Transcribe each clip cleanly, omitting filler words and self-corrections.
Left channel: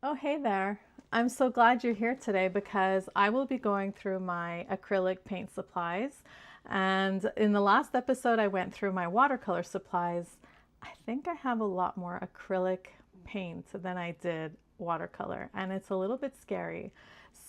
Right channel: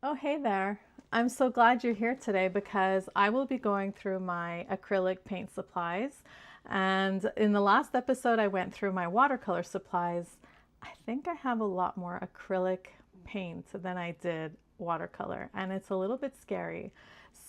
Oh, hey there. I'm so glad you're here today because I will be going through my acrylic paint supplies. And in the last episode, I went through my watercolor supplies. I think I have a lot more acrylic paint than I did watercolor, and it's a little bit scary.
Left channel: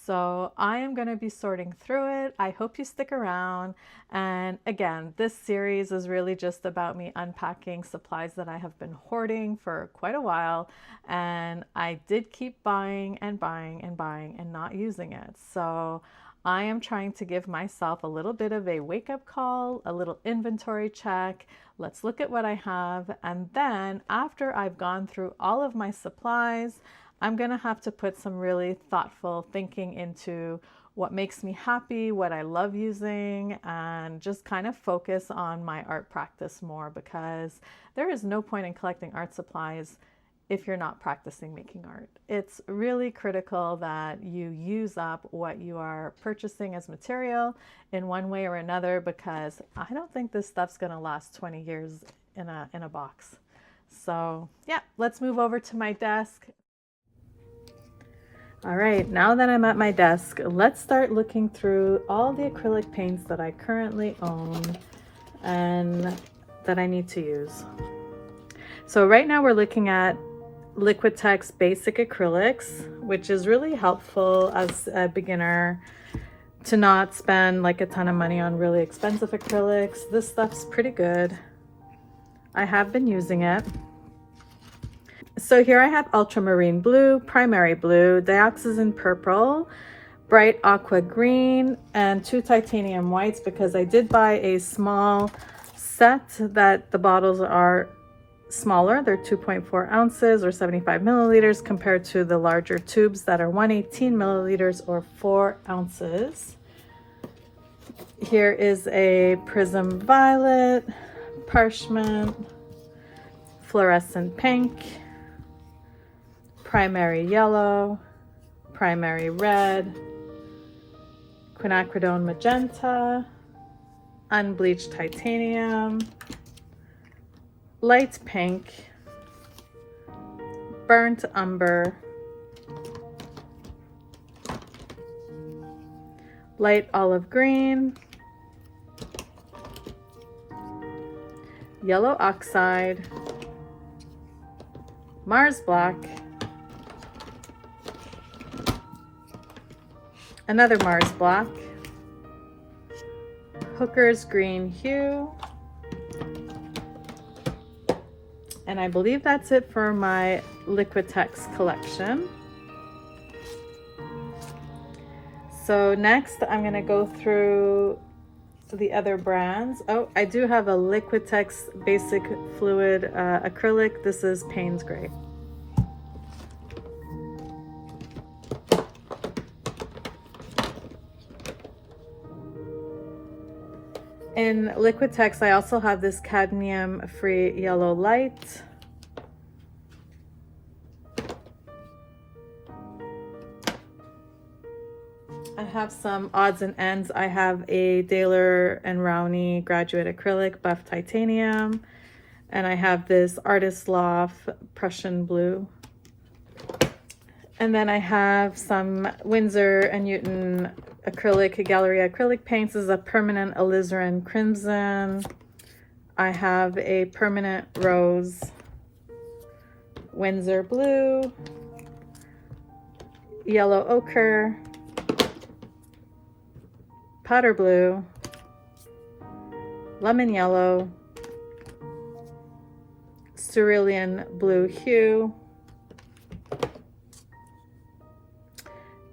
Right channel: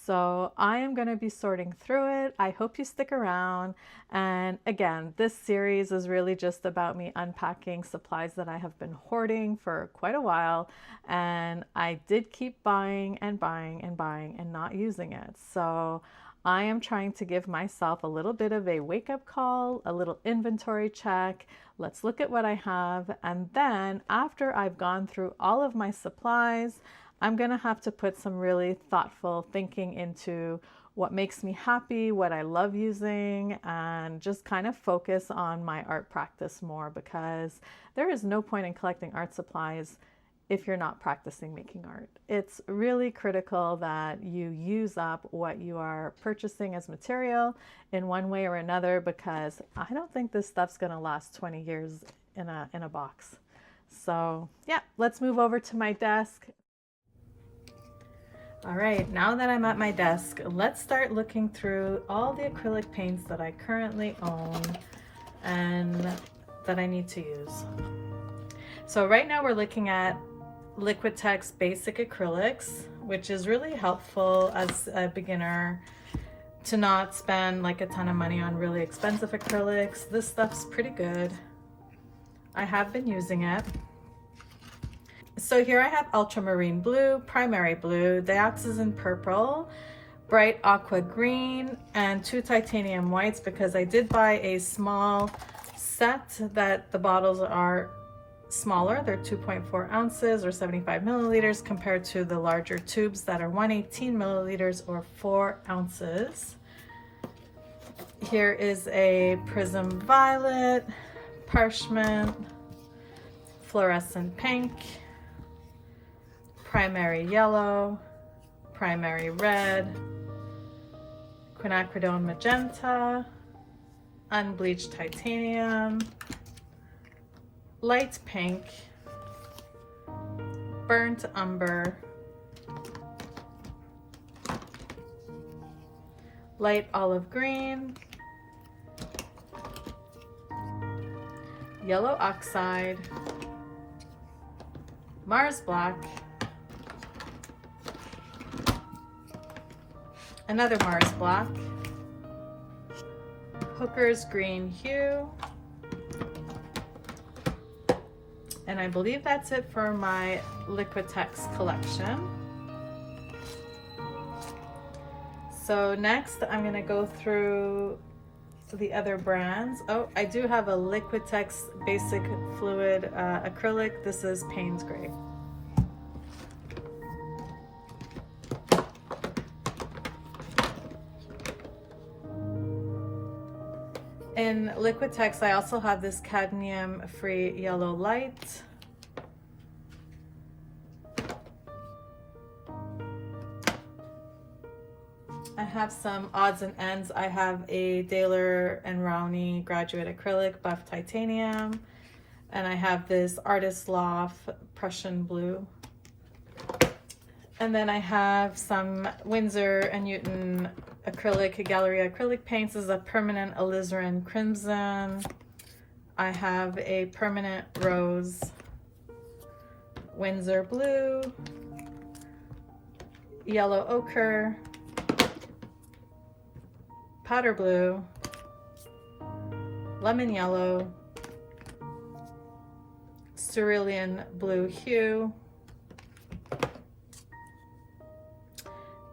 So I am going to be sorting through it. I hope you stick around. And again, this series is really just about me unpacking supplies that I have been hoarding for quite a while. And I did keep buying and buying and buying and not using it. So I am trying to give myself a little bit of a wake up call, a little inventory check. Let's look at what I have. And then after I've gone through all of my supplies, I'm going to have to put some really thoughtful thinking into what makes me happy, what I love using, and just kind of focus on my art practice more because there is no point in collecting art supplies if you're not practicing making art. It's really critical that you use up what you are purchasing as material in one way or another because I don't think this stuff's going to last 20 years in a box. So, yeah, let's move over to my desk. All right, now that I'm at my desk, let's start looking through all the acrylic paints that I currently own and that I need to use. So right now we're looking at Liquitex Basic Acrylics, which is really helpful as a beginner to not spend like a ton of money on really expensive acrylics. This stuff's pretty good. I have been using it. So here I have ultramarine blue, primary blue, dioxazine purple, bright aqua green, and 2 titanium whites because I did buy a small set that the bottles are smaller. They're 2.4 ounces or 75 milliliters compared to the larger tubes that are 118 milliliters or 4 ounces. Here is a prism violet, parchment, fluorescent pink, primary yellow, primary red, quinacridone magenta, unbleached titanium, light pink, burnt umber, light olive green, yellow oxide, Mars black, another Mars black, Hooker's green hue, and I believe that's it for my Liquitex collection. So next I'm going to go through the other brands. Oh, I do have a Liquitex Basic Fluid Acrylic. This is Payne's Gray. In Liquitex, I also have this cadmium-free yellow light. I have some odds and ends. I have a Daler and Rowney Graduate Acrylic Buff Titanium, and I have this Artist Loft Prussian Blue. And then I have some Winsor and Newton acrylic gallery acrylic paints. This is a permanent alizarin crimson. I have a permanent rose Winsor blue, yellow ochre, powder blue, lemon yellow, cerulean blue hue,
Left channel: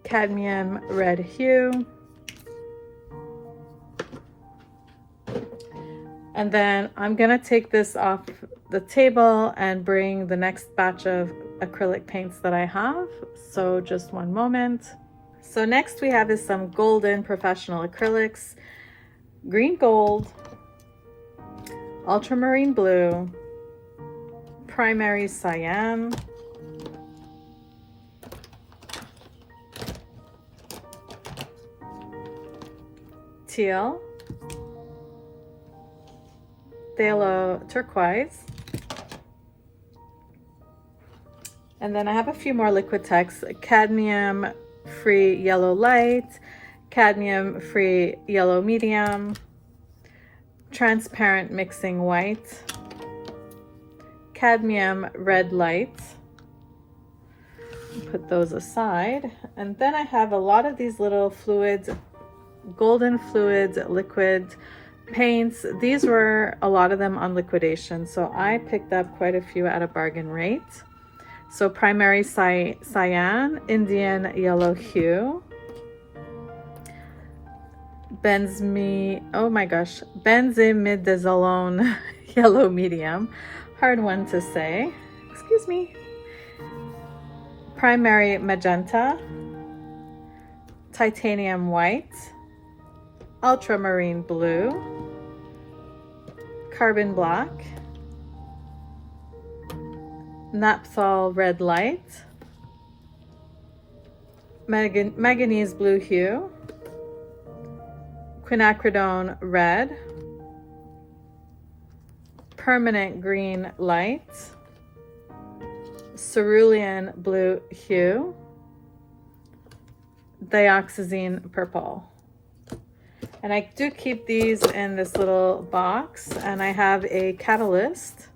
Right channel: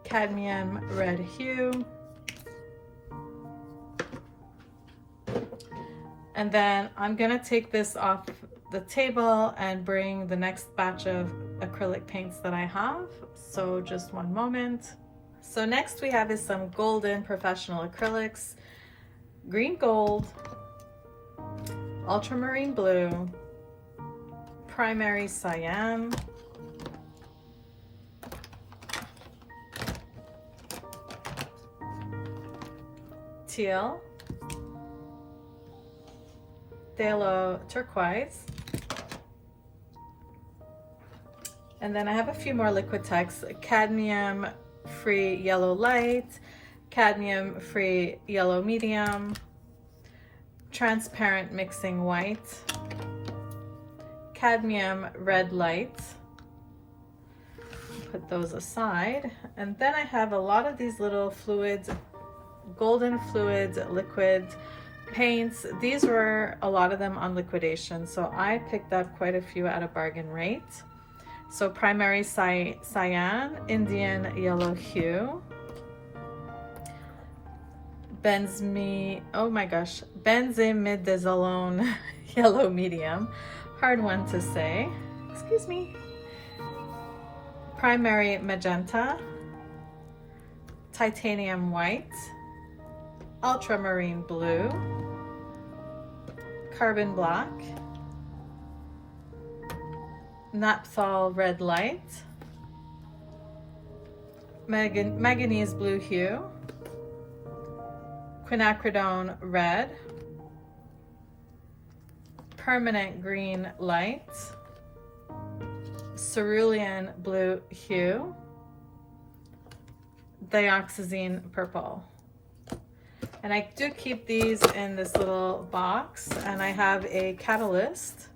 cadmium red hue, and then I'm gonna take this off the table and bring the next batch of acrylic paints that I have. So just one moment. So next we have is some golden professional acrylics, green gold, ultramarine blue, primary cyan, teal, phthalo turquoise, And then I have a few more Liquitex: cadmium free yellow light, cadmium free yellow medium, transparent mixing white, cadmium red light. Put those aside. And then I have a lot of these little fluids, golden fluids, liquid paints. These were a lot of them on liquidation, so I picked up quite a few at a bargain rate. So primary cyan, Indian yellow hue, benzimidazolone yellow medium, hard one to say, excuse me, primary magenta, titanium white, ultramarine blue, carbon black, naphthol red light, manganese blue hue, quinacridone red, permanent green light, cerulean blue hue, dioxazine purple. And I do keep these in this little box, and I have a catalyst.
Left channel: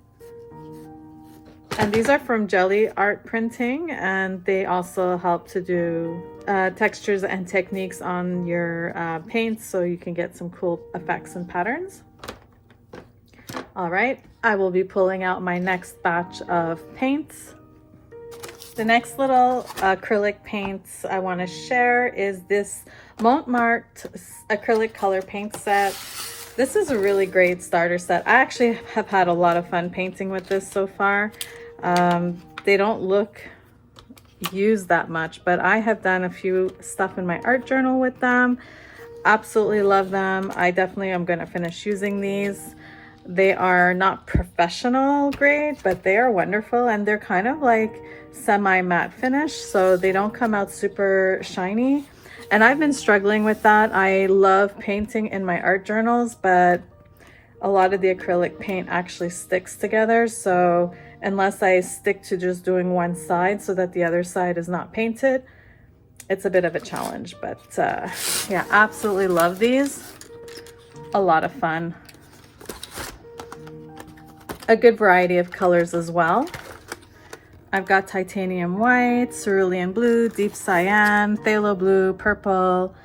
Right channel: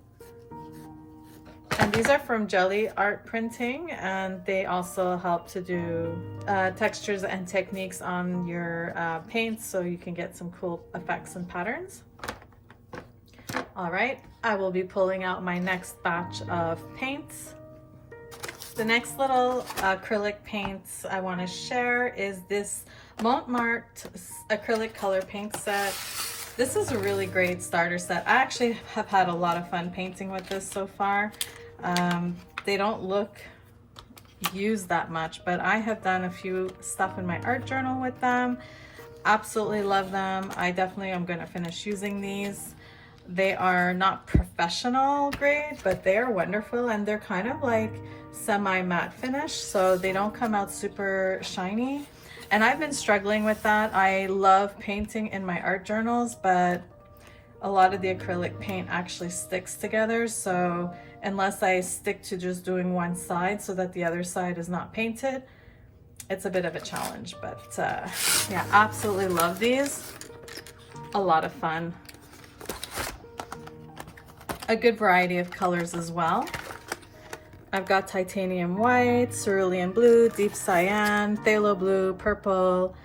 And these are from Jelly Art Printing, and they also help to do textures and techniques on your paints, so you can get some cool effects and patterns. All right, I will be pulling out my next batch of paints. The next little acrylic paints I want to share is this Montmartre acrylic color paint set. This is a really great starter set. I actually have had a lot of fun painting with this so far. They don't look used that much, but I have done a few stuff in my art journal with them. Absolutely love them. I definitely am going to finish using these. They are not professional grade, but they are wonderful, and they're kind of like semi-matte finish, so they don't come out super shiny. And I've been struggling with that. I love painting in my art journals, but a lot of the acrylic paint actually sticks together, so unless I stick to just doing one side so that the other side is not painted, it's a bit of a challenge. But yeah, absolutely love these. A lot of fun. A good variety of colors as well. I've got titanium white, cerulean blue, deep cyan, phthalo blue, purple,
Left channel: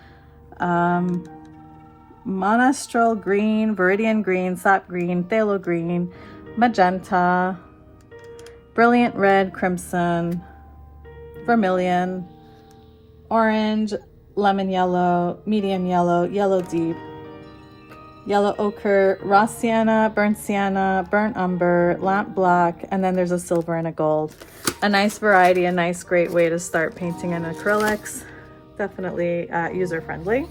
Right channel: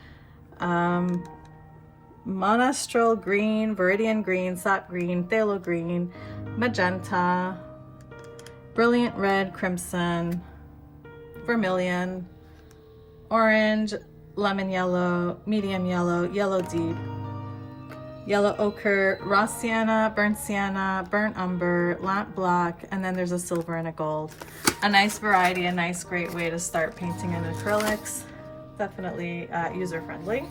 monastral green, viridian green, sap green, phthalo green, magenta, brilliant red, crimson, vermilion, orange, lemon yellow, medium yellow, yellow deep, yellow ochre, raw sienna, burnt umber, lamp black, and then there's a silver and a gold. A nice variety, a nice great way to start painting in acrylics. Definitely user-friendly.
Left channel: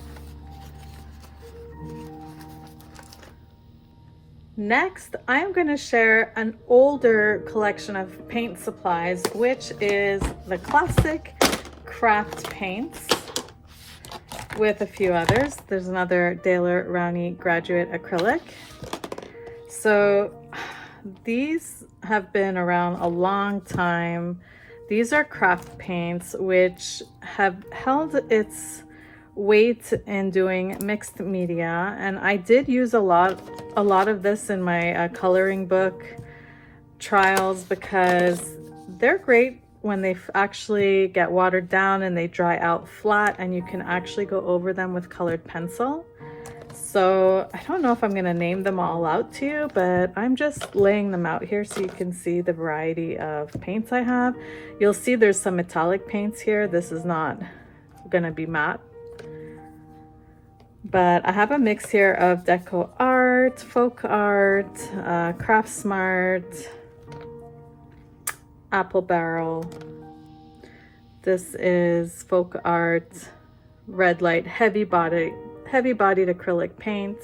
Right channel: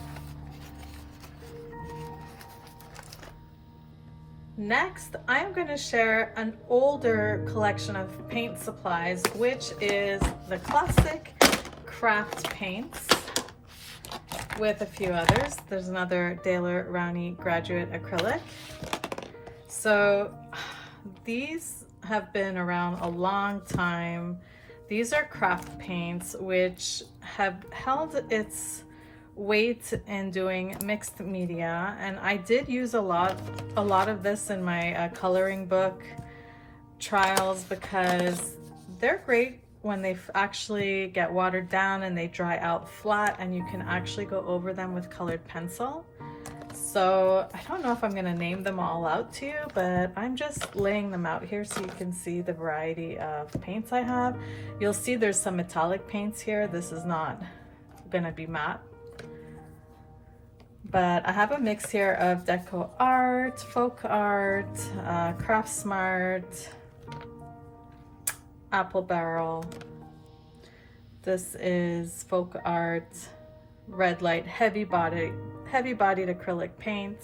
Next, I'm going to share an older collection of paint supplies, which is the classic craft paints with a few others. There's another Daler Rowney graduate acrylic. So these have been around a long time. These are craft paints which have held its weight in doing mixed media, and I did use a lot of this in my coloring book trials because they're great when they actually get watered down and they dry out flat, and you can actually go over them with colored pencil. So I don't know if I'm going to name them all out to you, but I'm just laying them out here so you can see the variety of paints I have. You'll see there's some metallic paints here. This is not going to be matte. But I have a mix here of deco art, folk art, craft smart, apple barrel. This is folk art, red light, heavy bodied acrylic paint,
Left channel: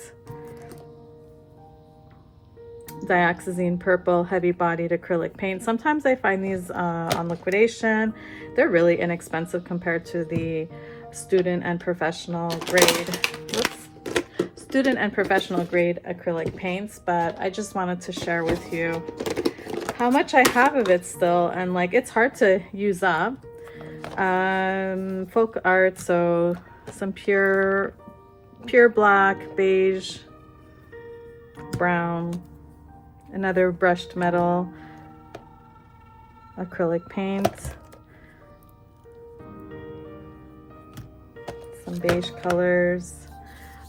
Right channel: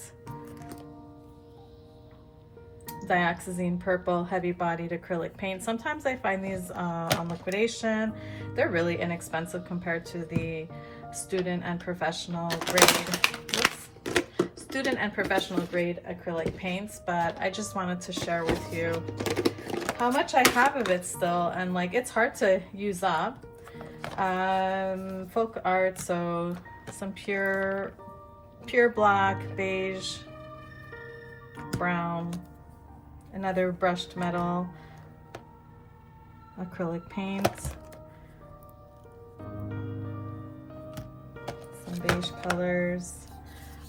dioxazine purple, heavy bodied acrylic paint. Sometimes I find these on liquidation. They're really inexpensive compared to the student and professional grade acrylic paints, but I just wanted to share with you how much I have of it still, and like it's hard to use up. Folk art, so some pure black, beige, brown, another brushed metal, acrylic paint, some beige colors,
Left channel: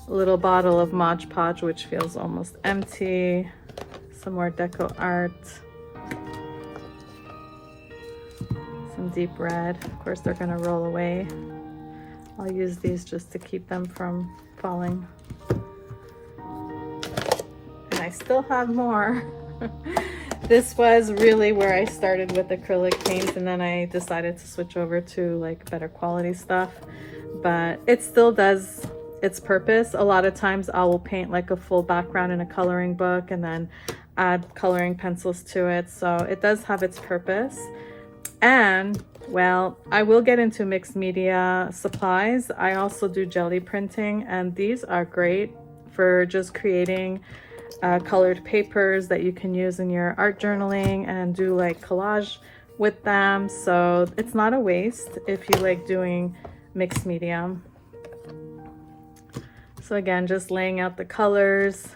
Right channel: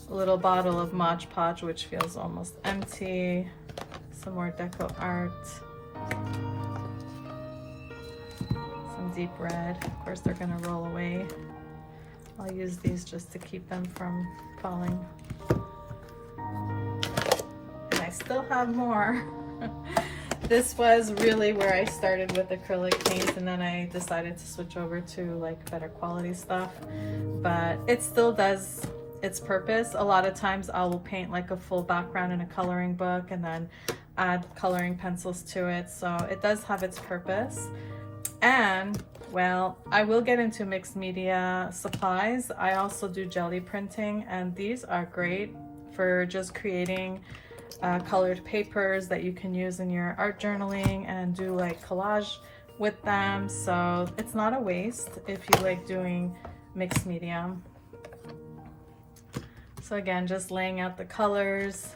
a little bottle of Mod Podge, which feels almost empty, some more deco art, some deep red. Of course, they're going to roll away. I'll use these just to keep them from falling. And I still have more. This was really where I started with acrylic paint, and then I decided to switch over to like better quality stuff. But it still does its purpose. A lot of times I will paint like a full background in a coloring book and then add coloring pencils to it. So it does have its purpose. And well, I will get into mixed media supplies. I also do jelly printing, and these are great for just creating colored papers that you can use in your art journaling and do like collage with them. So it's not a waste if you like doing mixed media. So again, just laying out the colors.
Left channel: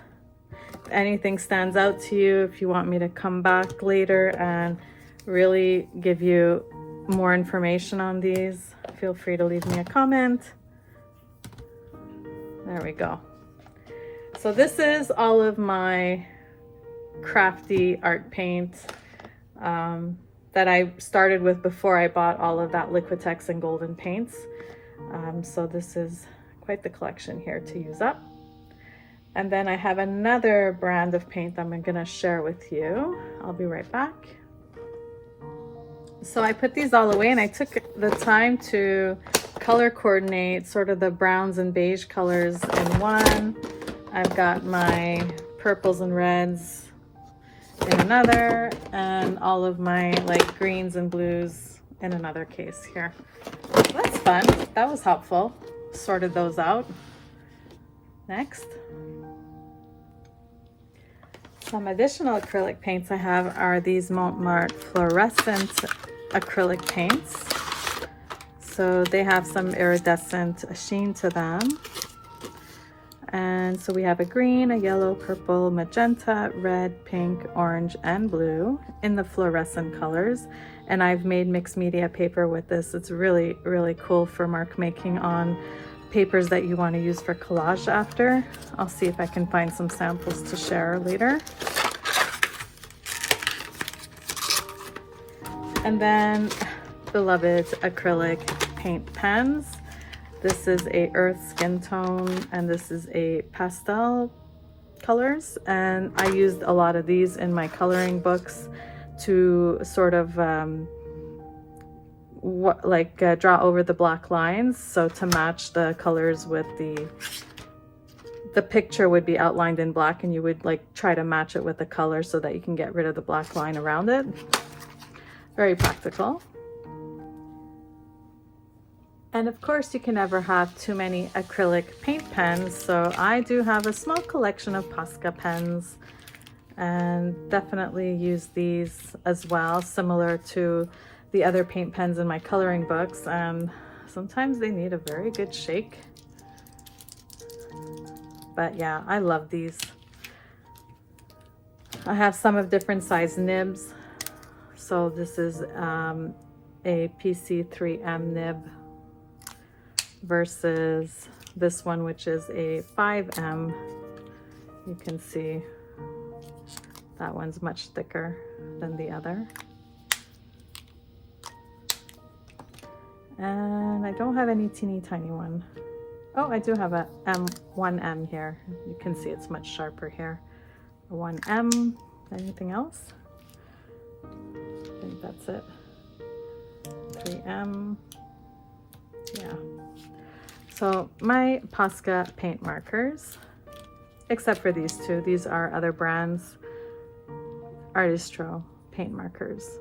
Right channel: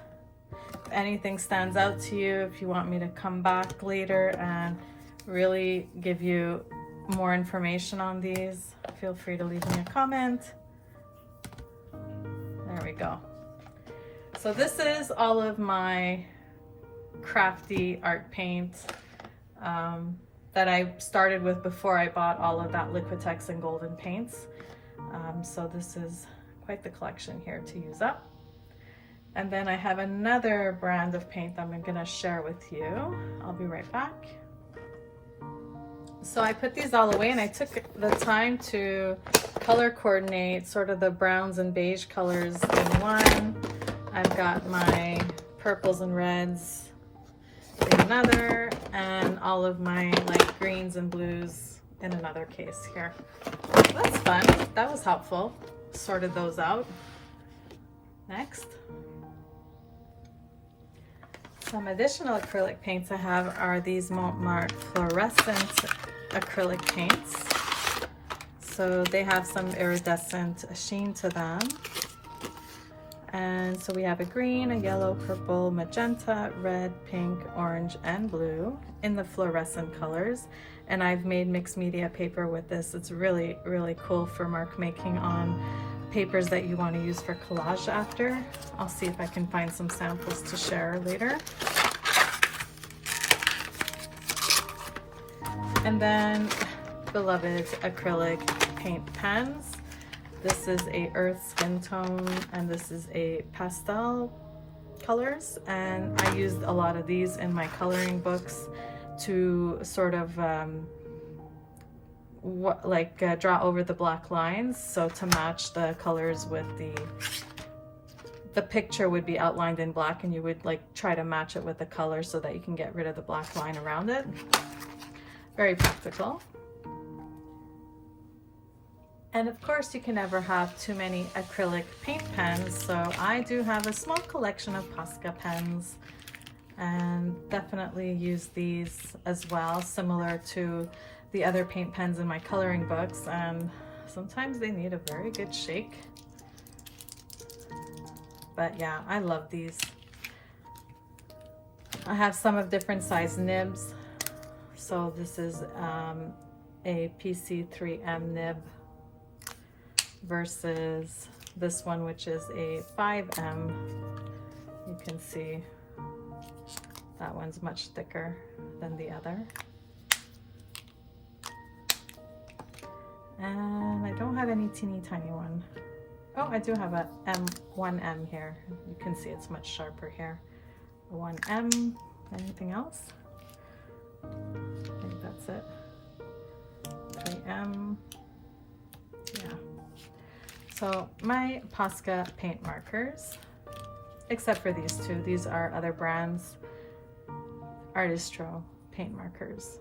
If anything stands out to you, if you want me to come back later and really give you more information on these, feel free to leave me a comment. There we go. So this is all of my crafty art paint that I started with before I bought all of that Liquitex and Golden paints. So this is quite the collection here to use up. And then I have another brand of paint I'm gonna share with you. I'll be right back. So I put these all away, and I took the time to color coordinate sort of the browns and beige colors in one. I've got my purples and reds in another, and all of my like greens and blues in another case here. That's fun. That was helpful. Sorted those out. Next. Some additional acrylic paints I have are these Montmartre fluorescent acrylic paints. So they have some iridescent sheen to them. And so we have a green, a yellow, purple, magenta, red, pink, orange, and blue in the fluorescent colors. And I've made mixed media paper with this. It's really, really cool for mark making on papers that you want to use for collage after. I'll see if I can find some samples to share later. And then beloved acrylic paint pens. This is a earth skin tone, and this is a pastel colors. And I used a lot of these in my coloring books to sort of draw over the black lines, so to match the colors with the picture would be outlined in black, and you would like try to match it with the color so that you can get rid of the black line around it. Very practical. And of course, you can never have too many acrylic paint pens, so I do have a small collection of Posca pens, and definitely use these as well, similar to the other paint pens in my coloring books, and sometimes they need a very good shake. But yeah, I love these. I have some of different size nibs. So this is a PC3M nib versus this one, which is a 5M. You can see that one's much thicker than the other. And I don't have any teeny tiny one. Oh, I do have a 1M here. You can see it's much sharper here. 1M. Anything else? I think that's it. 3M. Yeah. So my Posca paint markers, except for these two, these are other brands, Artistro paint markers.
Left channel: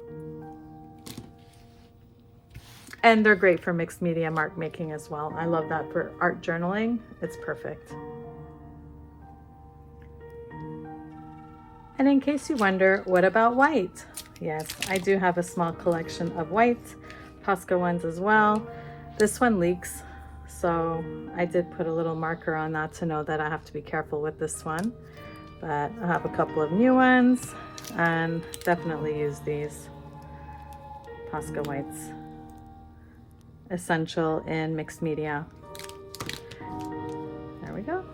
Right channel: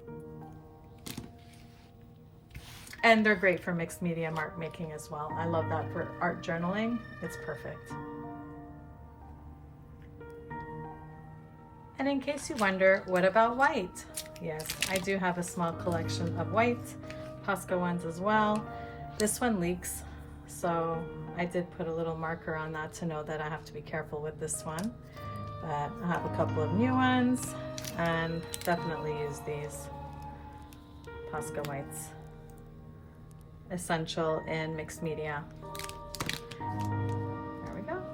And they're great for mixed media mark making as well. I love that for art journaling. It's perfect. And in case you wonder, what about white? Yes, I do have a small collection of white, Posca ones as well. This one leaks, so I did put a little marker on that to know that I have to be careful with this one. But I have a couple of new ones and definitely use these Posca whites. Essential in mixed media. There we go.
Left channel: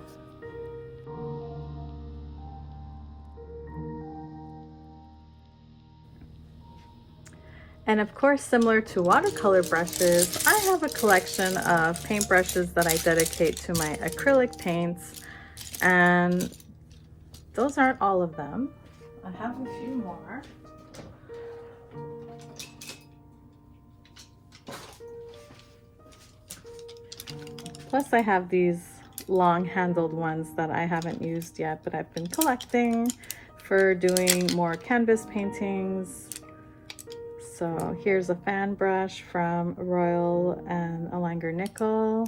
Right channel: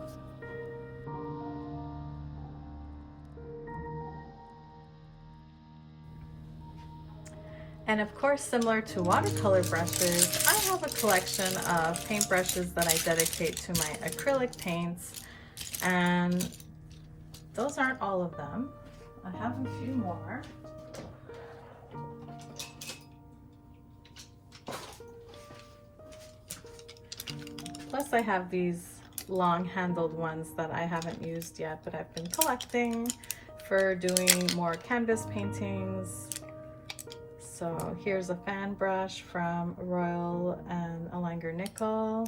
And of course, similar to watercolor brushes, I have a collection of paintbrushes that I dedicate to my acrylic paints, and those aren't all of them. I have a few more. Plus I have these long-handled ones that I haven't used yet, but I've been collecting for doing more canvas paintings. So here's a fan brush from Royal and Langer Nickel.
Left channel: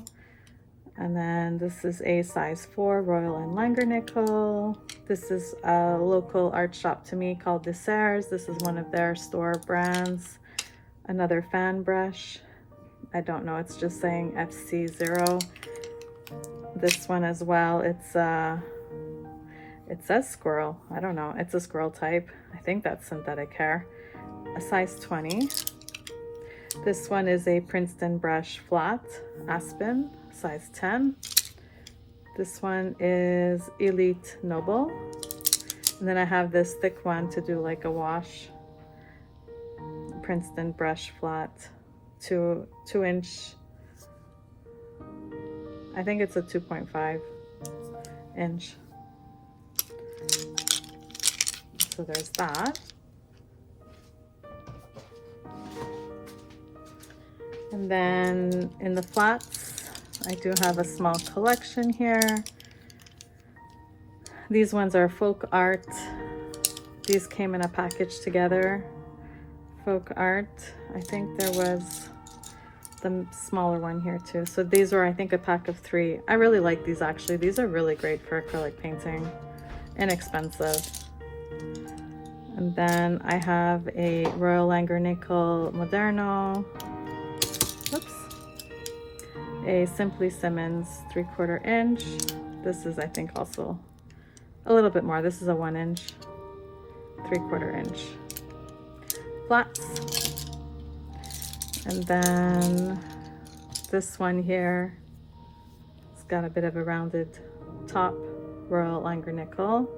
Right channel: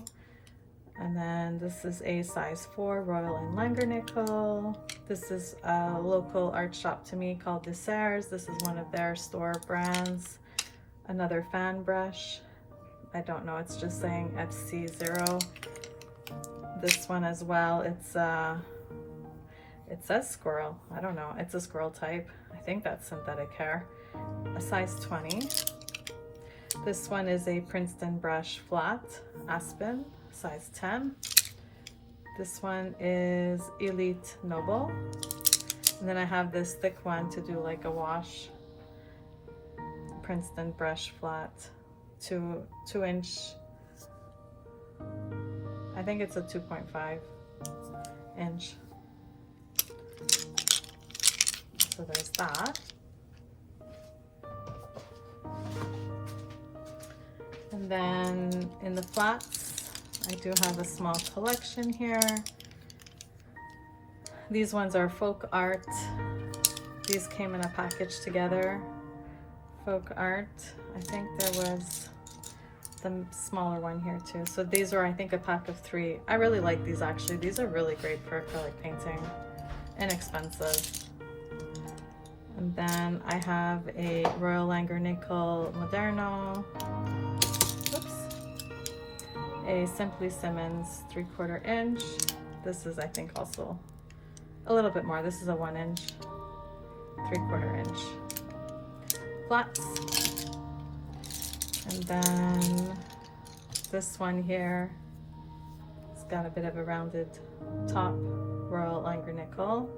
And then this is a size 4 Royal and Langer Nickel. This is a local art shop to me called Desserts. This is one of their store brands. Another fan brush. I don't know, it's just saying FC0. This one as well, it says squirrel. I don't know, it's a squirrel type. I think that's synthetic hair. A size 20. This one is a Princeton brush flat, Aspen, size 10. This one is Elite Noble. And then I have this thick one to do like a wash, Princeton brush flat, 2 inch. I think it's a 2.5 inch. So there's that. And then in the flats, I do have a small collection here. These ones are folk art. These came in a package together. Folk art. I think there was the smaller one here too. So these were, I think, a pack of 3. I really like these actually. These are really great for acrylic painting. Inexpensive. And then I have a Royal Langer Nickel Moderno. A Simply Simmons 3/4 inch. This is, I think, also a little bit more. This is a 1 inch, 3/4 inch flats. And then this one here, it's got a bit of a rounded top, Royal Langer Nickel.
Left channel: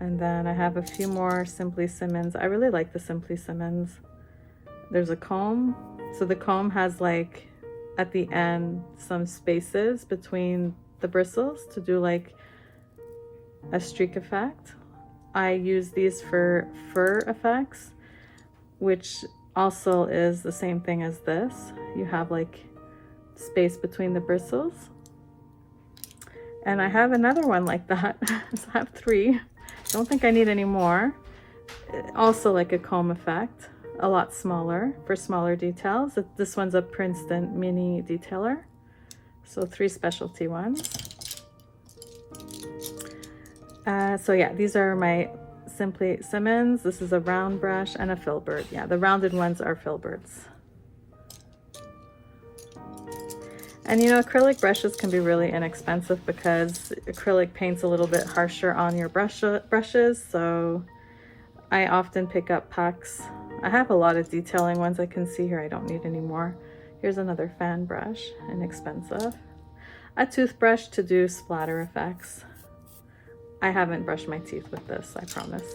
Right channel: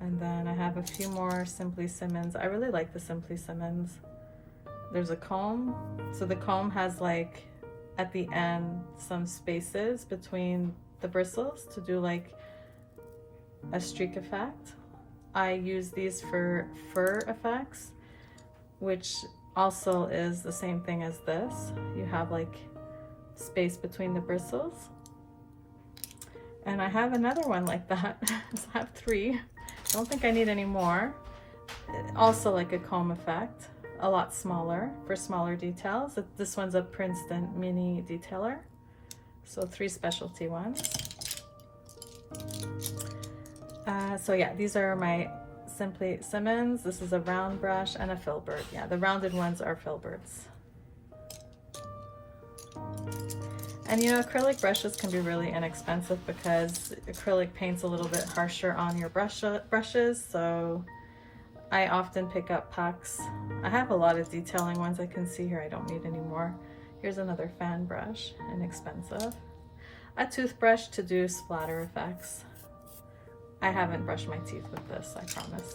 And then I have a few more Simply Simmons. I really like the Simply Simmons. There's a comb. So the comb has, like, at the end, some spaces between the bristles to do like a streak effect. I use these for fur effects, which also is the same thing as this. You have like space between the bristles. And I have another one like that. So I have 3. Don't think I need any more. Also like a comb effect. A lot smaller for smaller details. This one's a Princeton mini detailer. So 3 specialty ones. So yeah, these are my Simply Simmons. This is a round brush and a filbert. Yeah, the rounded ones are filberts. And you know, acrylic brushes can be really inexpensive because acrylic paint's a little bit harsher on your brushes. So I often pick up packs. I have a lot of detailing ones. I can see here I don't need any more. Here's another fan brush, inexpensive. A toothbrush to do splatter effects. I haven't brushed my teeth with this, I promise.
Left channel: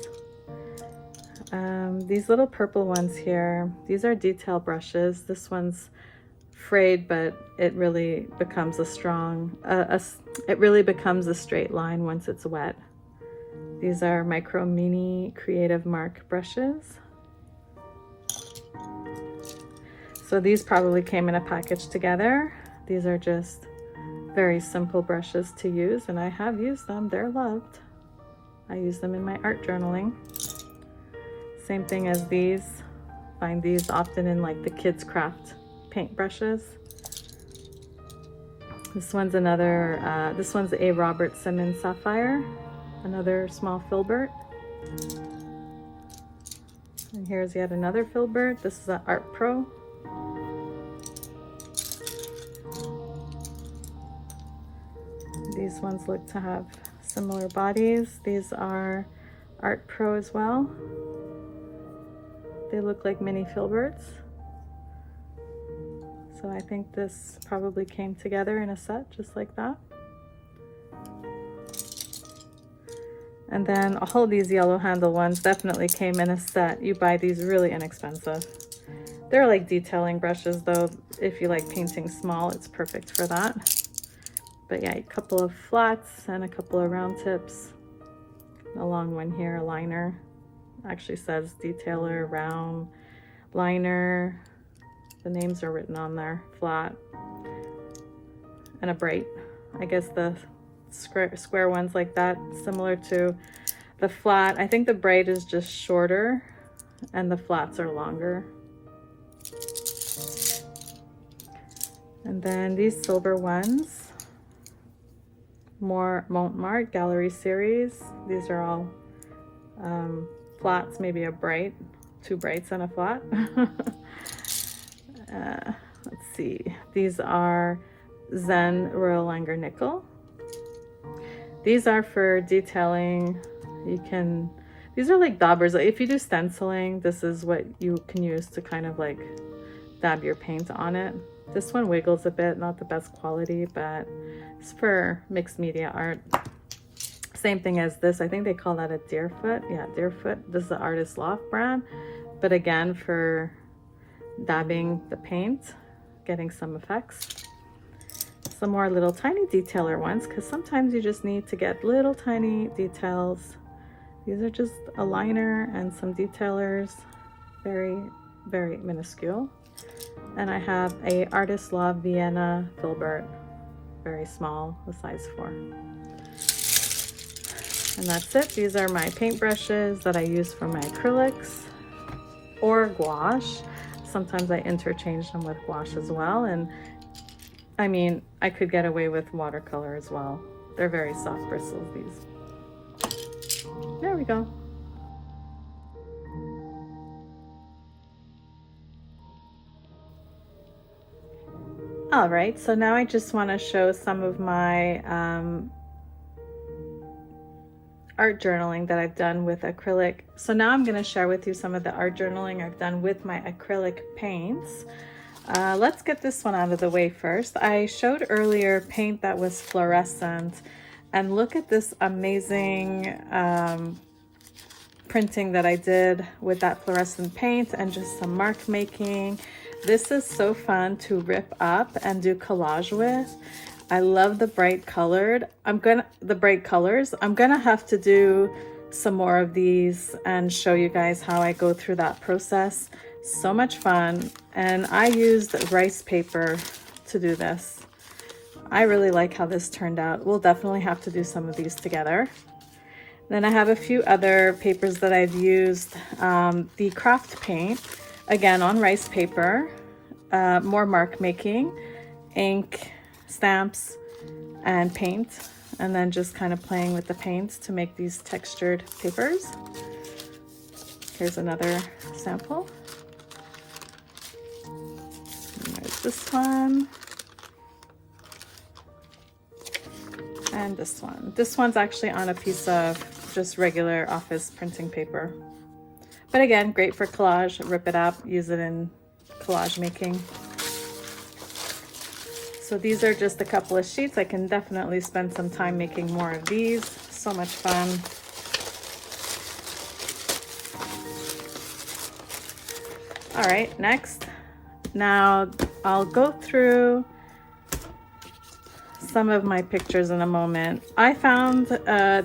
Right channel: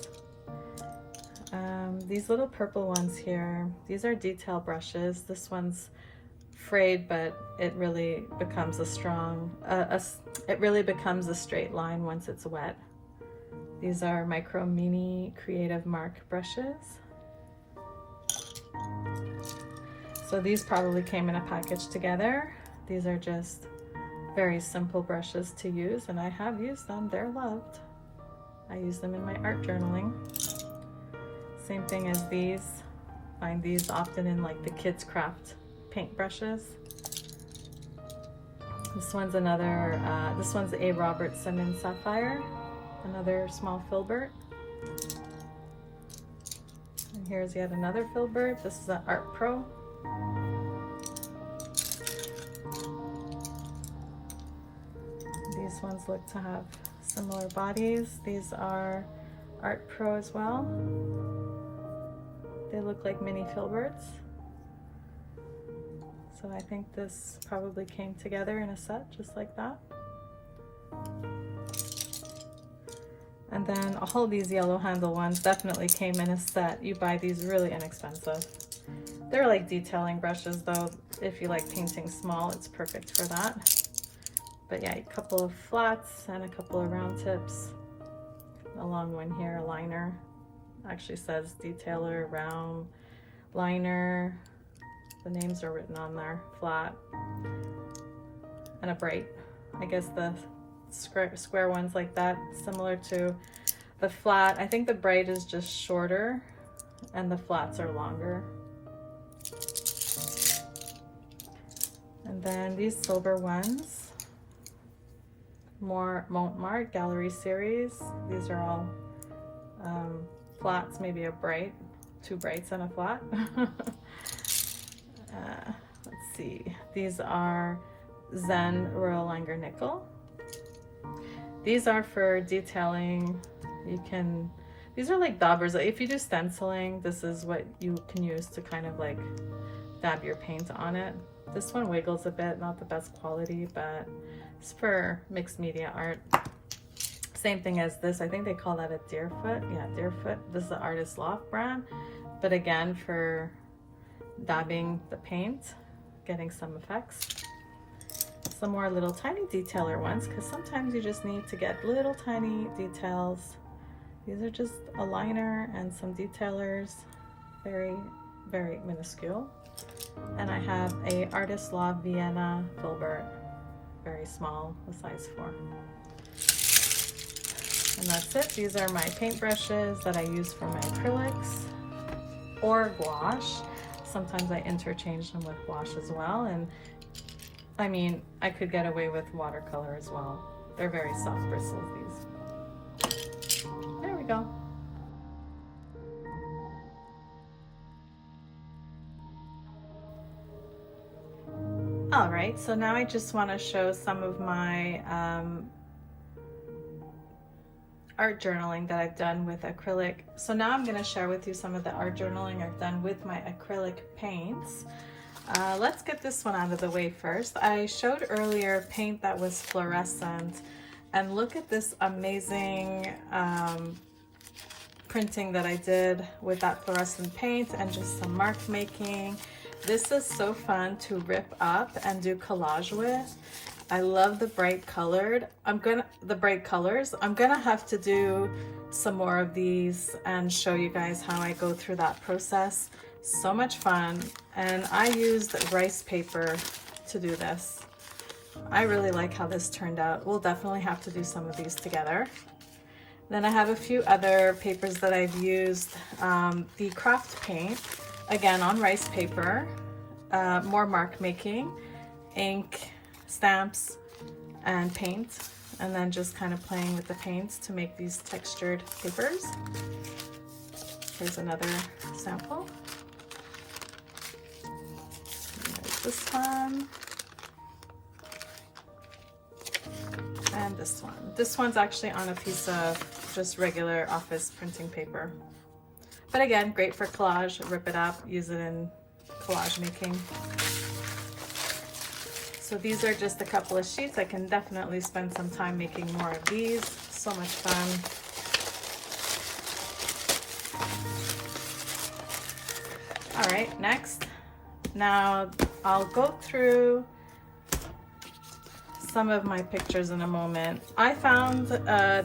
These little purple ones here, these are detail brushes. This one's frayed, but it really becomes a strong, it really becomes a straight line once it's wet. These are Micro Mini Creative Mark brushes. So these probably came in a package together. These are just very simple brushes to use, and I have used them. They're loved. I use them in my art journaling. Same thing as these. Find these often in like the kids craft paint brushes. This one's another, this one's a Robert Simmons Sapphire. Another small filbert. And here's yet another filbert. This is an Art Pro. These ones look to have similar bodies. These are Art Pro as well. They look like mini filberts. So I think this probably came together in a set just like that. And then all these yellow handle ones definitely came in a set. You buy these really inexpensive. They're like detailing brushes though. If you like painting small, it's perfect for that. But yeah, a couple of flats and a couple of round tips. A long one here, a liner. Actually says detailer, round, liner. The names are written on there, flat. And a bright. I guess the square ones like that, similar to the flat. I think the bright is just shorter and the flats are longer. And then these silver ones, more Montmartre Gallery series. These are all flats, maybe a bright, two brights and a flat. Let's see, these are Zen Royal Langer Nickel. These are for detailing. These are like daubers. If you do stenciling, this is what you can use to kind of like dab your paint on it. This one wiggles a bit, not the best quality, but it's for mixed media art. Same thing as this. I think they call that a Deerfoot. Yeah, Deerfoot. This is the Artist Loft brand. But again, for dabbing the paint, getting some effects. Some more little tiny detailer ones, because sometimes you just need to get little tiny details. These are just a liner and some detailers, very, very minuscule. And I have a Artist Loft Vienna filbert, very small, a size 4. And that's it. These are my paint brushes that I use for my acrylics or gouache. Sometimes I interchange them with gouache as well. And I mean, I could get away with watercolor as well. They're very soft bristles, these. There we go. All right, so now I just want to show some of my art journaling that I've done with acrylic. So now I'm going to share with you some of the art journaling I've done with my acrylic paints. Let's get this one out of the way first. I showed earlier paint that was fluorescent, and look at this amazing printing that I did with that fluorescent paint and just some mark making. This is so fun to rip up and do collage with. I love the bright colors. I'm gonna have to do some more of these and show you guys how I go through that process. So much fun. And I used rice paper to do this. I really like how this turned out. We'll definitely have to do some of these together. Then I have a few other papers that I've used. The craft paint, again on rice paper, more mark making, ink, stamps, and paint, and then just kind of playing with the paints to make these textured papers. Here's another sample. There's this one. And this one. This one's actually on a piece of just regular office printing paper. But again, great for collage. Rip it up, use it in collage making. So these are just a couple of sheets. I can definitely spend some time making more of these. So much fun. All right, next. Now I'll go through some of my pictures in a moment. I found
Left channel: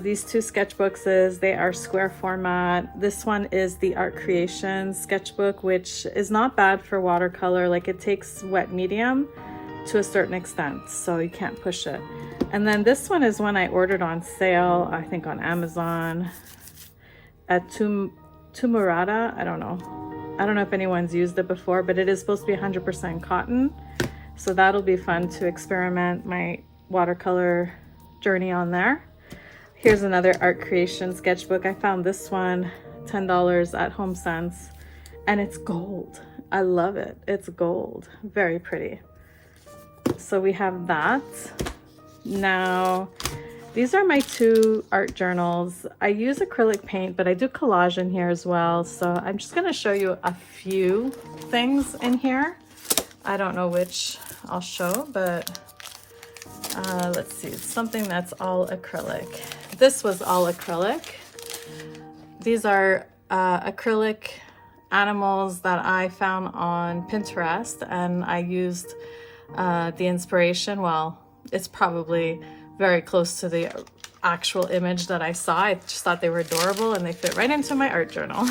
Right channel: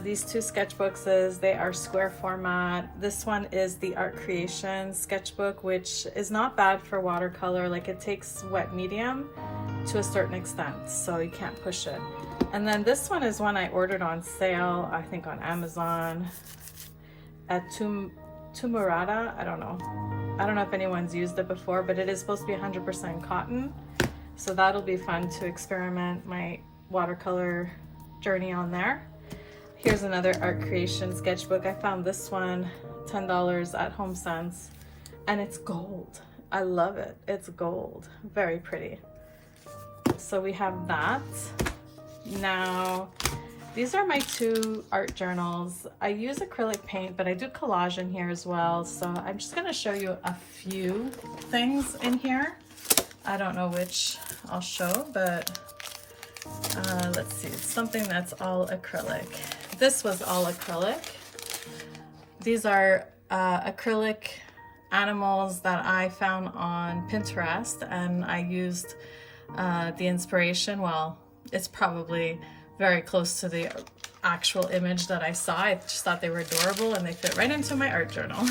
these two sketchbooks. They are square format. This one is the Art Creations sketchbook, which is not bad for watercolor. Like, it takes wet medium to a certain extent, so you can't push it. And then this one is one I ordered on sale, I think on Amazon at Tumurada. I don't know if anyone's used it before, but it is supposed to be 100% cotton. So that'll be fun to experiment my watercolor journey on there. Here's another art creation sketchbook. I found this one, $10 at Home Sense, and it's gold. I love it. It's gold. Very pretty. So we have that. Now, these are my two art journals. I use acrylic paint, but I do collage in here as well. So I'm just going to show you a few things in here. I don't know which I'll show, but let's see. It's something that's all acrylic. This was all acrylic. These are acrylic animals that I found on Pinterest, and I used the inspiration. Well, it's probably very close to the actual image that I saw. I just thought they were adorable and they fit right into my art journal.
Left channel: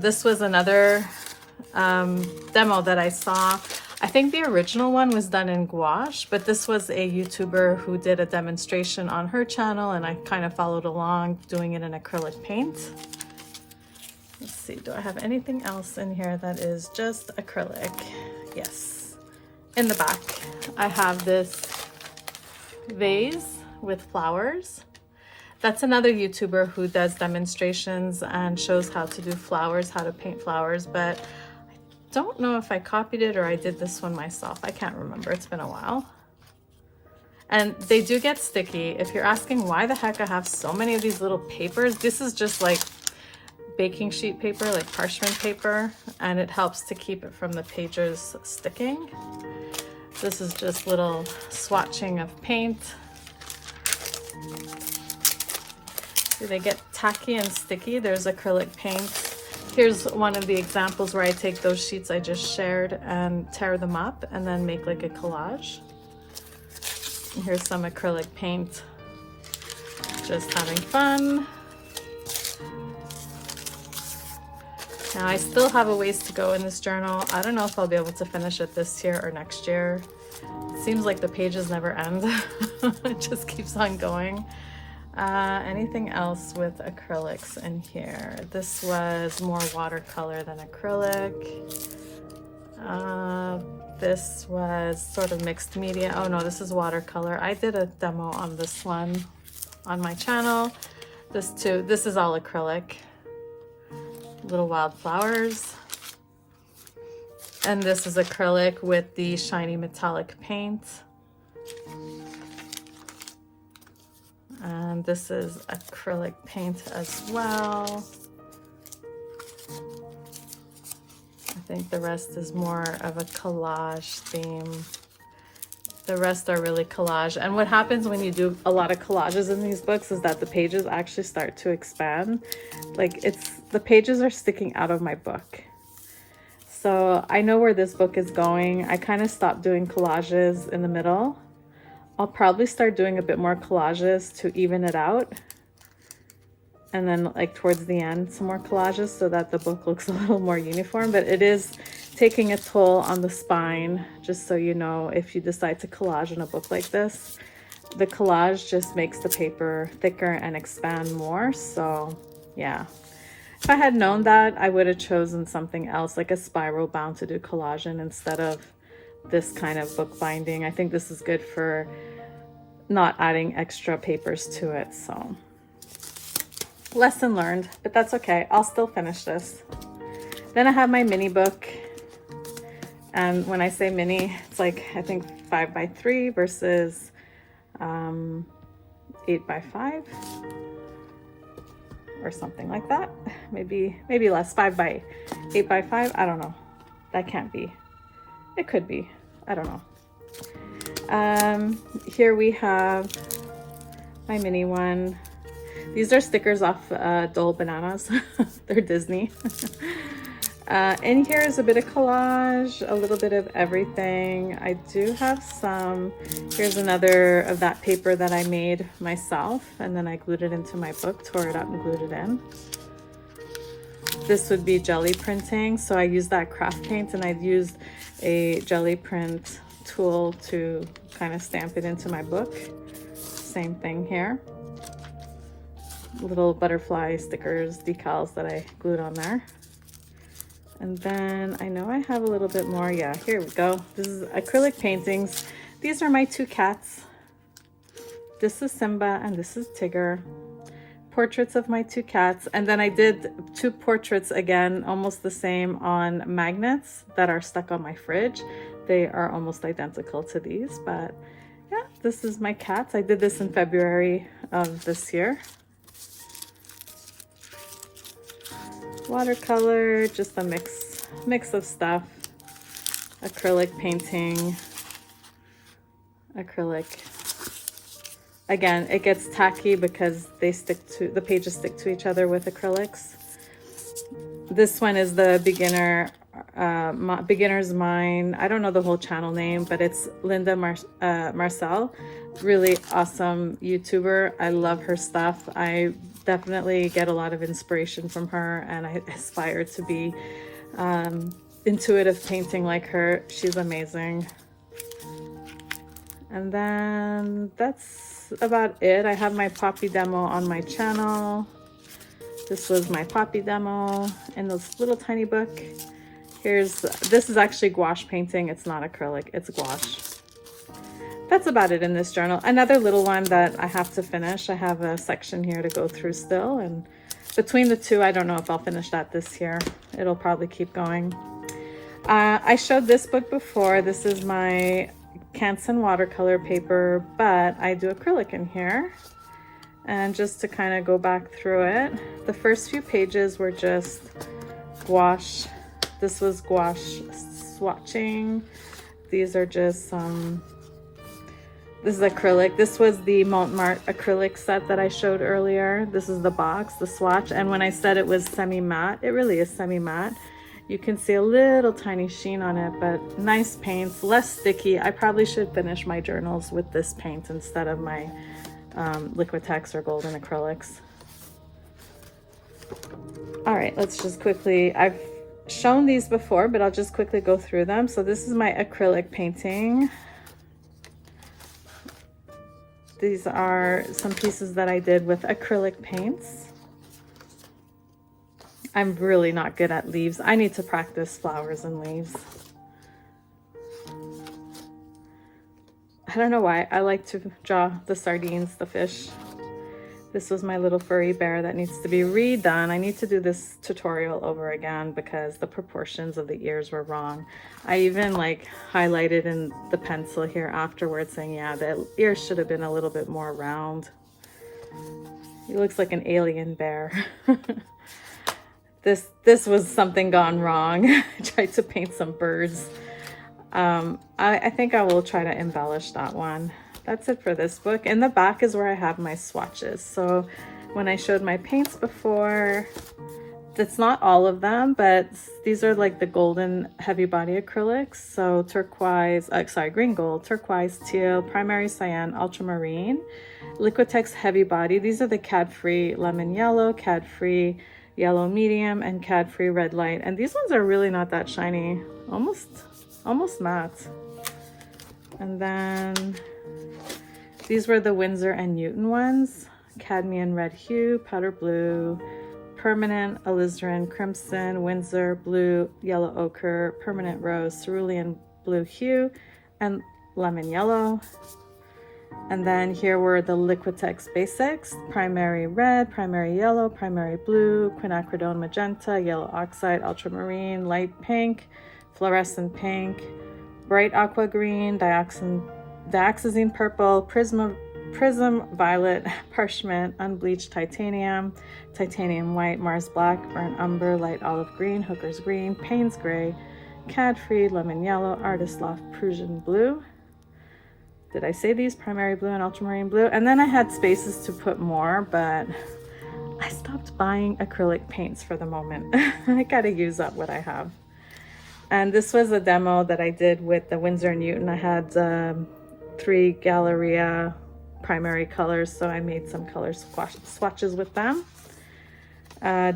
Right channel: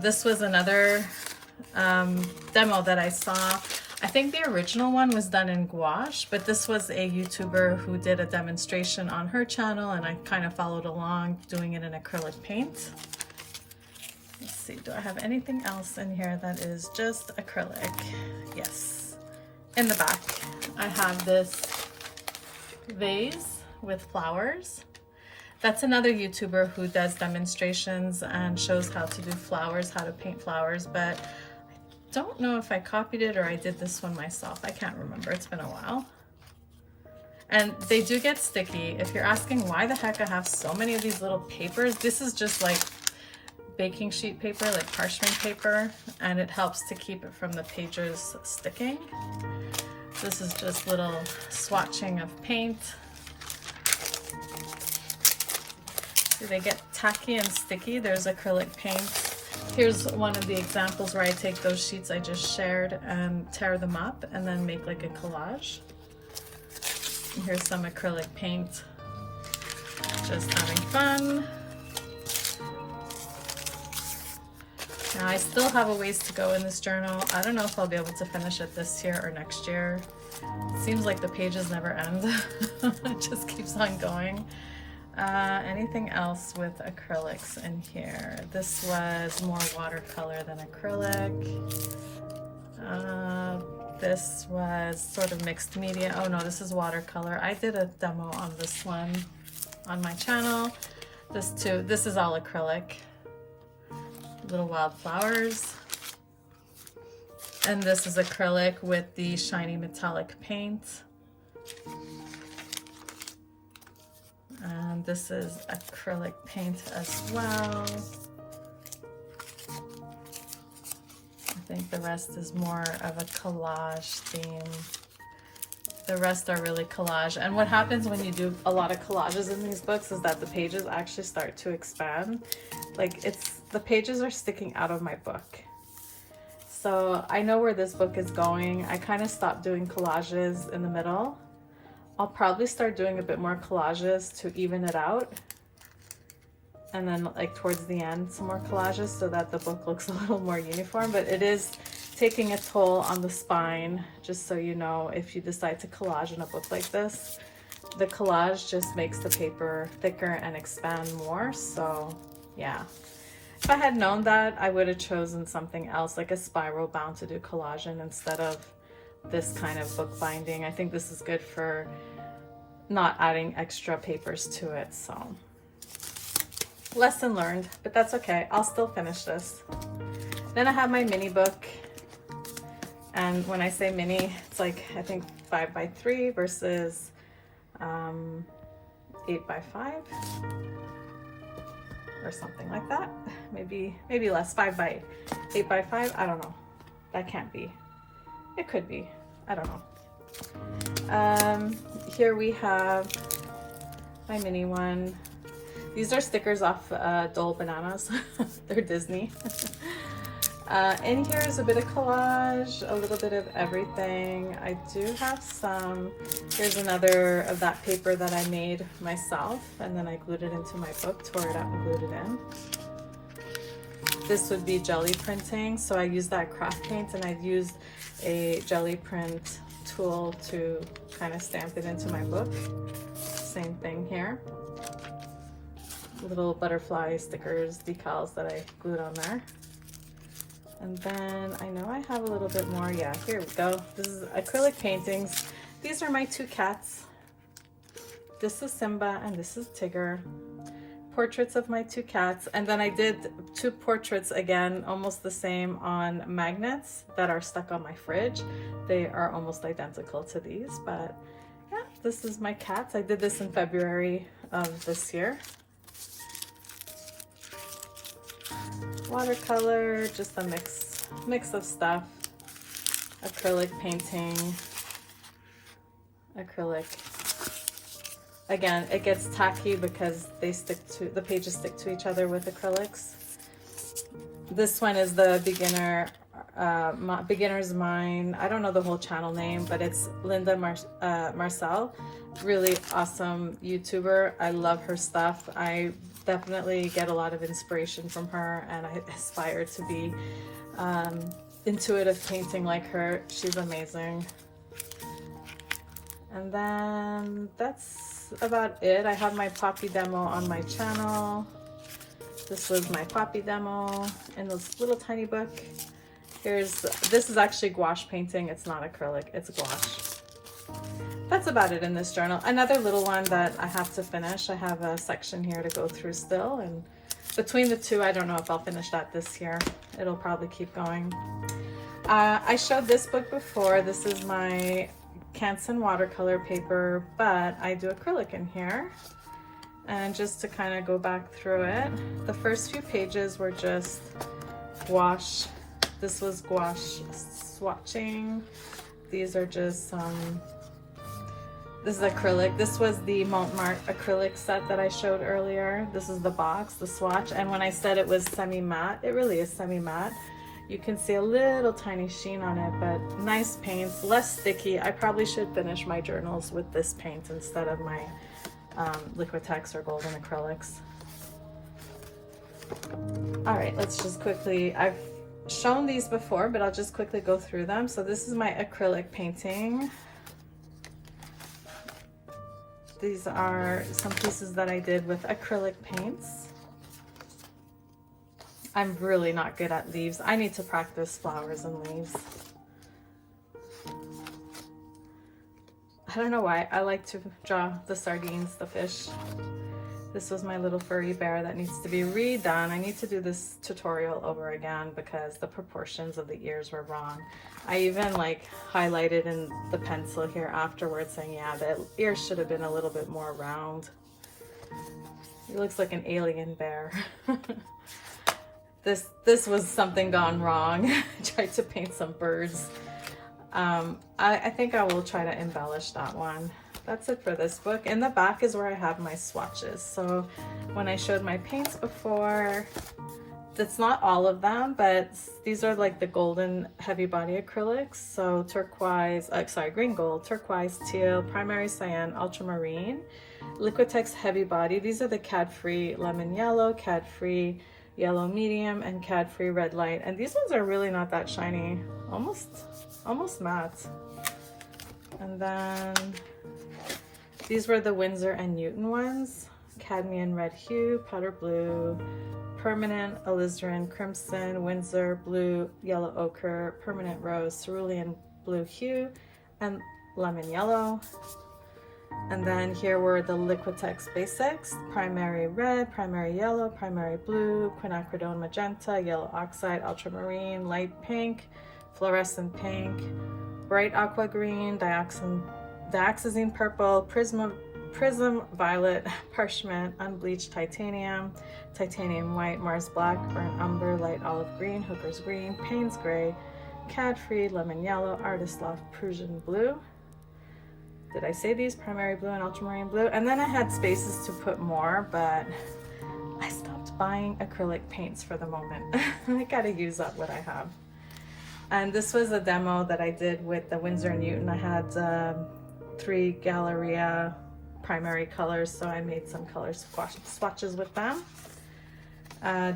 This was another demo that I saw. I think the original one was done in gouache, but this was a YouTuber who did a demonstration on her channel, and I kind of followed along doing it in acrylic paint. Let's see, do I have anything else in here that is just acrylic? Yes. In the back, I have this vase with flowers. That's another YouTuber who does demonstrations and shows how to do flowers, how to paint flowers, but I don't know if I copied it or I did this one myself. I can't remember. It's been a while. And they do get sticky. If you're asking why the heck I have so many of these little papers, this is just like baking sheet paper, like parchment paper, and it helps to keep it from the pages sticking. This is just little swatching of paint. See, they get tacky and sticky. There's acrylic paint. Here's one of the examples where I take those sheets I just shared and tear them up and then make like a collage. And here's some acrylic paint. Just having fun. Now I still have a ways to go in this journal. I don't know if I'll be able to finish it this year or next year. It seems like the pages never end. It just keeps on going. Anything else with acrylics in here? This was more watercolor than acrylic. This was sort of mixed media. Oh no, this is watercolor. I did a demo on this one on my channel. This too, this is all acrylic. Little wildflowers. And this is acrylic with the shiny metallic paint. And this is acrylic paint as well. I think the rest is more of a collage theme. The rest are really collage. And what happens when you do a lot of collages in these books is that the pages actually start to expand. Like the pages are sticking out of my book. So I know where this book is going. I kind of stopped doing collages in the middle. I'll probably start doing a bit more collages to even it out. And then like towards the end, some more collages so that the book looks a little more uniform, but it is taking a toll on the spine, just so you know, if you decide to collage in a book like this. The collage just makes the paper thicker and expand more, so yeah. If I had known that, I would have chosen something else, like a spiral bound to do collage in instead of this kind of book binding. I think this is good for not adding extra papers to it, so. Lesson learned, but that's okay. I'll still finish this. Then I have my mini book. And when I say mini, it's like, I think 5x3 versus 8x5 or something like that. Maybe less, 8x5. I don't know. That can't be. It could be. I don't know. Here we have my mini one. These are stickers off Dole Bananas. They're Disney. In here is a bit of collage, a little bit of everything. I do have some. Here's another of that paper that I made myself, and then I glued it into my book, tore it up and glued it in. This would be jelly printing, so I used that craft paint, and I've used a jelly print tool to kind of stamp it into my book. Same thing here. Little butterfly stickers, decals that I glued on there. And then I know I have a little bit more. Yeah, here we go. This is acrylic paintings. These are my two cats. This is Simba and this is Tigger. Portraits of my two cats, and then I did two portraits again, almost the same, on magnets that are stuck on my fridge. They are almost identical to these, but yeah, this is my cats. I did this in February of this year. Watercolor, just a mix of stuff. Acrylic painting, acrylic. Again, it gets tacky because the pages stick to each other with acrylics. This one is the beginner's mind. I don't know the whole channel name, but it's Linda Marcel. Really awesome YouTuber. I love her stuff. I definitely get a lot of inspiration from her, and I aspire to be intuitive painting like her. She's amazing. And then that's about it. I have my poppy demo on my channel. This was my poppy demo in this little tiny book. This is actually gouache painting. It's not acrylic, it's gouache. That's about it in this journal. Another little one that I have to finish. I have a section here to go through still, and between the two, I don't know if I'll finish that this year. It'll probably keep going. I showed this book before. This is my Canson watercolor paper, but I do acrylic in here. And just to kind of go back through it, the first few pages were just gouache. This was gouache swatching. These are just this is acrylic. This was the Montmartre acrylic set that I showed earlier. This is the box, the swatch, and when I said it was semi-matte, it really is semi-matte. You can see a little tiny sheen on it, but nice paints, less sticky. I probably should finish my journals with this paint instead of my Liquitex or golden acrylics. All right, let's just quickly, I've shown these before, but I'll just quickly go through them. So this is my acrylic painting. These are some pieces that I did with acrylic paints. I'm really not good at leaves. I need to practice flowers and leaves. I don't know why. I like to draw the sardines, the fish. This was my little furry bear that needs to be redone. I need to do this tutorial over again because the proportions of the ears were wrong. I even like highlighted in the pencil here afterwards saying, yeah, the ears should have been a little bit more round. He looks like an alien bear. This was something gone wrong. I tried to paint some birds. I think I will try to embellish that one. That's it for this book. In the back is where I have my swatches. So when I showed my paints before, that's not all of them, but these are like the golden heavy body acrylics. So turquoise, green gold, turquoise, teal, primary cyan, ultramarine, Liquitex heavy body. These are the cad-free lemon yellow, cad-free yellow medium, and cad-free red light. And these ones are really not that shiny, almost matte. And then these were the Winsor and Newton ones, cadmium red hue, powder blue, permanent, alizarin crimson, Winsor blue, yellow ochre, permanent rose, cerulean blue hue, and lemon yellow. And then here were the Liquitex basics: primary red, primary yellow, primary blue, quinacridone magenta, yellow oxide, ultramarine, light pink, fluorescent pink, bright aqua green, dioxazine purple, prism violet, parchment, unbleached titanium, titanium white, Mars black, burnt umber, light olive green, hooker's green, Payne's gray, cad-free, lemon yellow, artist loft, Prussian blue. Did I say these? Primary blue and ultramarine blue. And then I had spaces to put more, but I stopped buying acrylic paints for the moment. I gotta use up what I have. And this was a demo that I did with the Winsor & Newton. I had 3 Galleria primary colors, so I made some color swatches with them.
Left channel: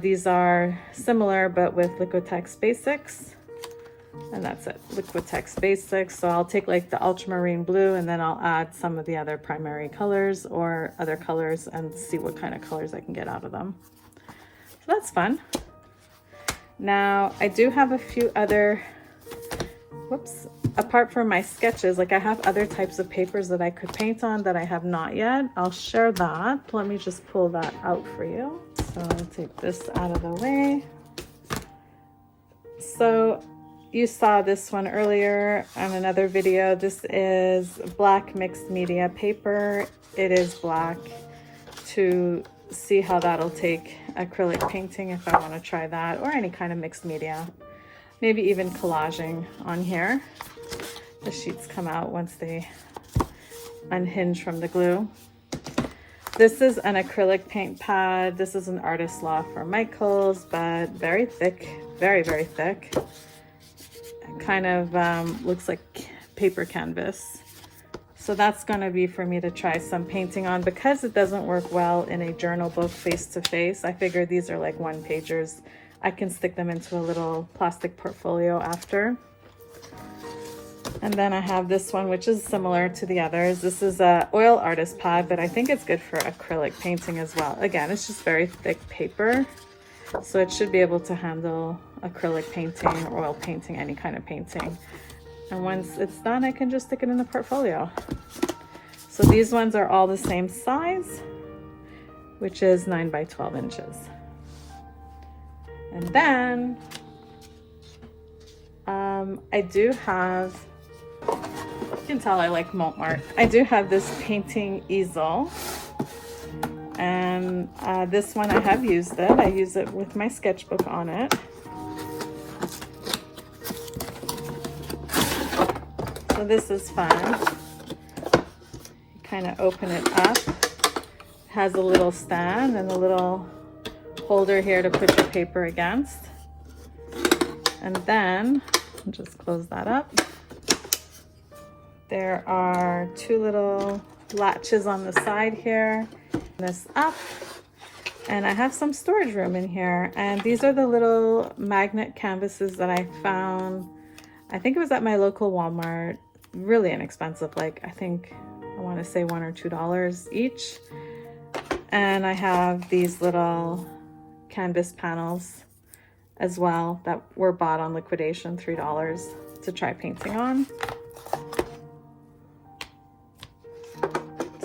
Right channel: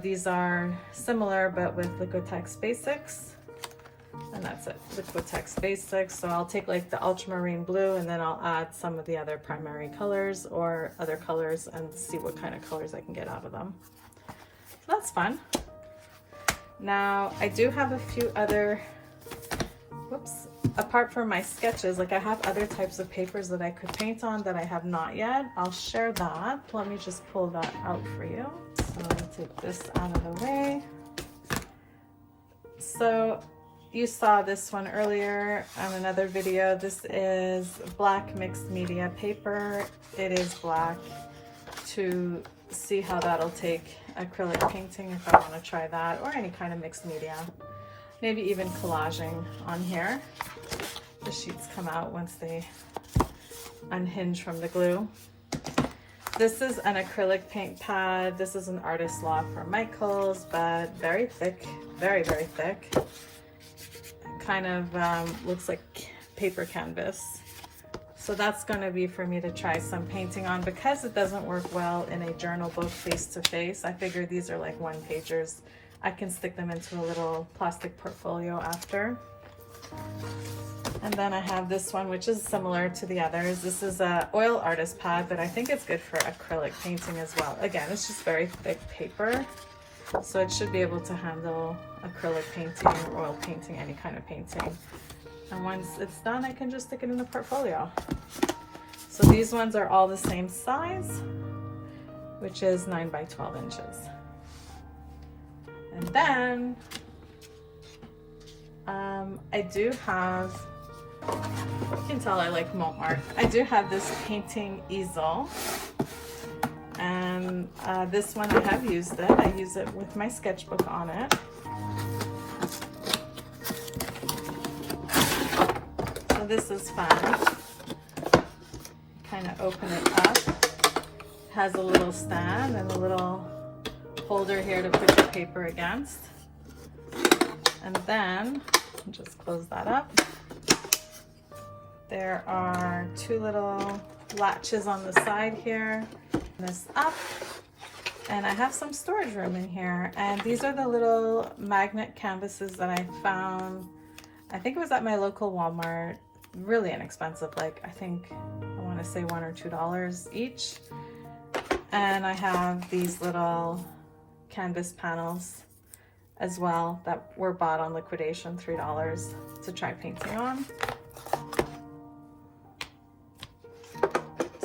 These are similar, but with Liquitex basics. And that's it, Liquitex basics. So I'll take like the ultramarine blue and then I'll add some of the other primary colors or other colors and see what kind of colors I can get out of them. So that's fun. Now I do have a few other, whoops, apart from my sketches, like I have other types of papers that I could paint on that I have not yet. I'll share that. Let me just pull that out for you. So I'll take this out of the way. So you saw this one earlier on another video. This is black mixed media paper. It is black, to see how that'll take acrylic painting if I want to try that, or any kind of mixed media. Maybe even collaging on here. The sheets come out once they unhinge from the glue. This is an acrylic paint pad. This is an Artist Law from Michaels, but very thick, very, very thick. Kind of looks like paper canvas. So that's going to be for me to try some painting on. Because it doesn't work well in a journal book face to face, I figure these are like one pagers. I can stick them into a little plastic portfolio after. And then I have this one, which is similar to the others. This is a oil artist pad, but I think it's good for acrylic painting as well. Again, it's just very thick paper, so it should be able to handle acrylic painting, oil painting, any kind of painting. And once it's done, I can just stick it in the portfolio. So these ones are all the same size, which is 9 by 12 inches. And then I do have, you can tell I like Montmartre. I do have this painting easel, and this one I have used it. I use it with my sketchbook on it. So this is fun. Kind of open it up. It has a little stand and a little holder here to put your paper against. And then, I'll just close that up. There are two little latches on the side here. This up. And I have some storage room in here. And these are the little magnet canvases that I found. I think it was at my local Walmart. Really inexpensive. Like, I think, I want to say $1 or $2 each. And I have these little canvas panels as well that were bought on liquidation, $3 to try painting on.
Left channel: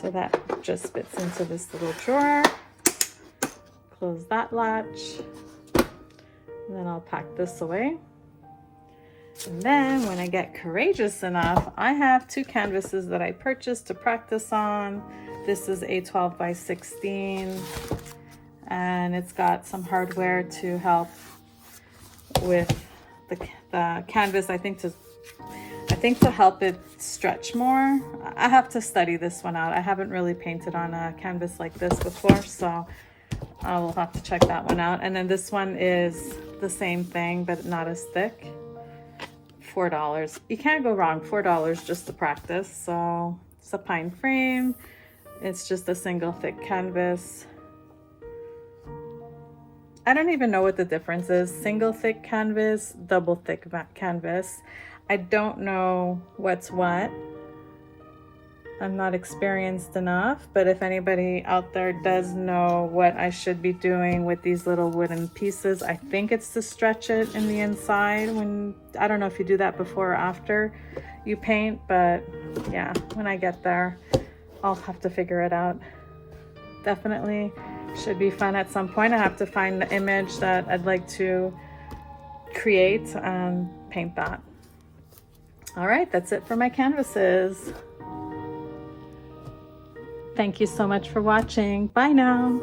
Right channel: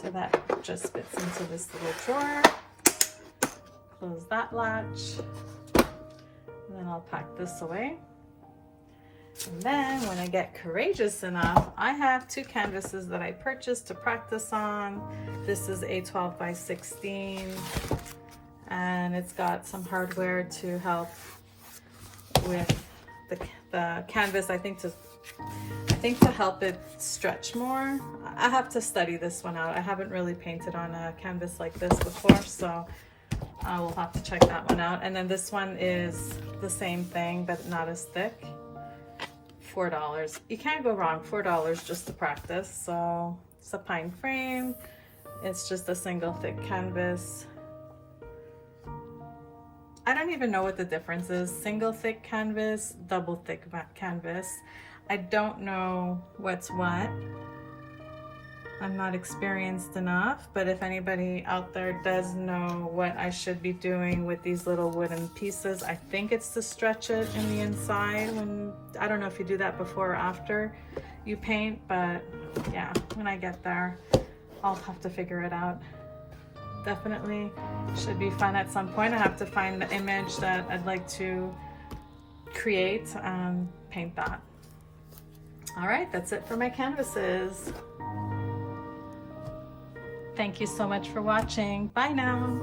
So that just fits into this little drawer. Close that latch, and then I'll pack this away. And then when I get courageous enough, I have two canvases that I purchased to practice on. This is a 12 by 16, and it's got some hardware to help with the canvas. I think to help it stretch more. I have to study this one out. I haven't really painted on a canvas like this before, so I will have to check that one out. And then this one is the same thing, but not as thick. $4. You can't go wrong. $4 just to practice. So it's a pine frame. It's just a single thick canvas. I don't even know what the difference is. Single thick canvas, double thick canvas. I don't know what's what. I'm not experienced enough, but if anybody out there does know what I should be doing with these little wooden pieces, I think it's to stretch it in the inside. I don't know if you do that before or after you paint, but yeah, when I get there, I'll have to figure it out. Definitely should be fun at some point. I have to find the image that I'd like to create and paint that. All right, that's it for my canvases. Thank you so much for watching. Bye now.